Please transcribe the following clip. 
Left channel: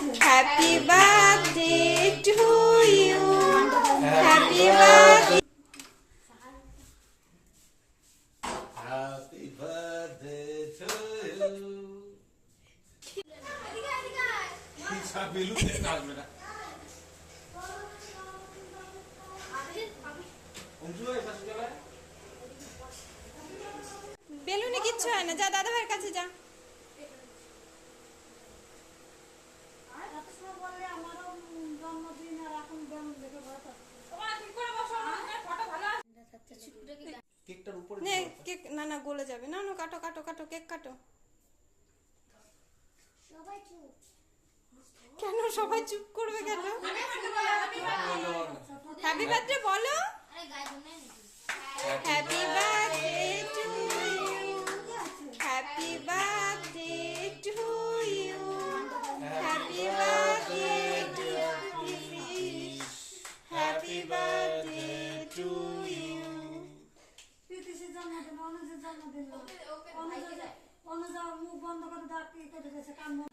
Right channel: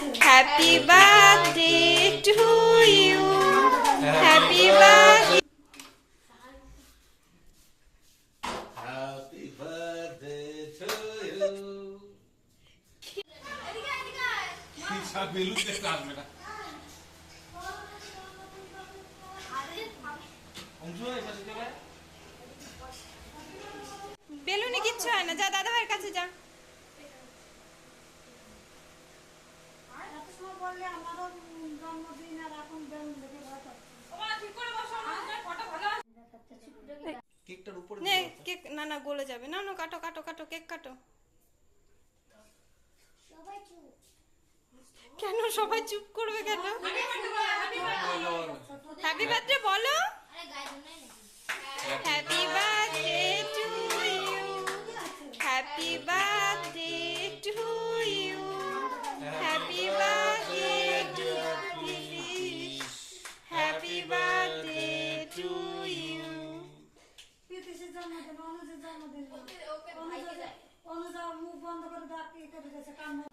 Happy birthday to you, happy birthday. Happy birthday to you. সব বেলুন দেখতে আসবে না। বেলুনে কিচ্ছু হয় না, যা দাদা ভাইয়ের কাছে যা। কেকটার উপরে নে কেক, না না গলে যাবে, না না কাটো কাটো কাটো, কেক কাটো। কেন সবাই চুপ করবে কেন? হ্যাপি বার্থডে বলো। Happy birthday to you, happy birthday to you, happy birthday to you, happy birthday to you. জন্মদিন অনুজের জন্মদিন অনুজা মুখ বন্ধ করে ডাকি করে গেছে কান্না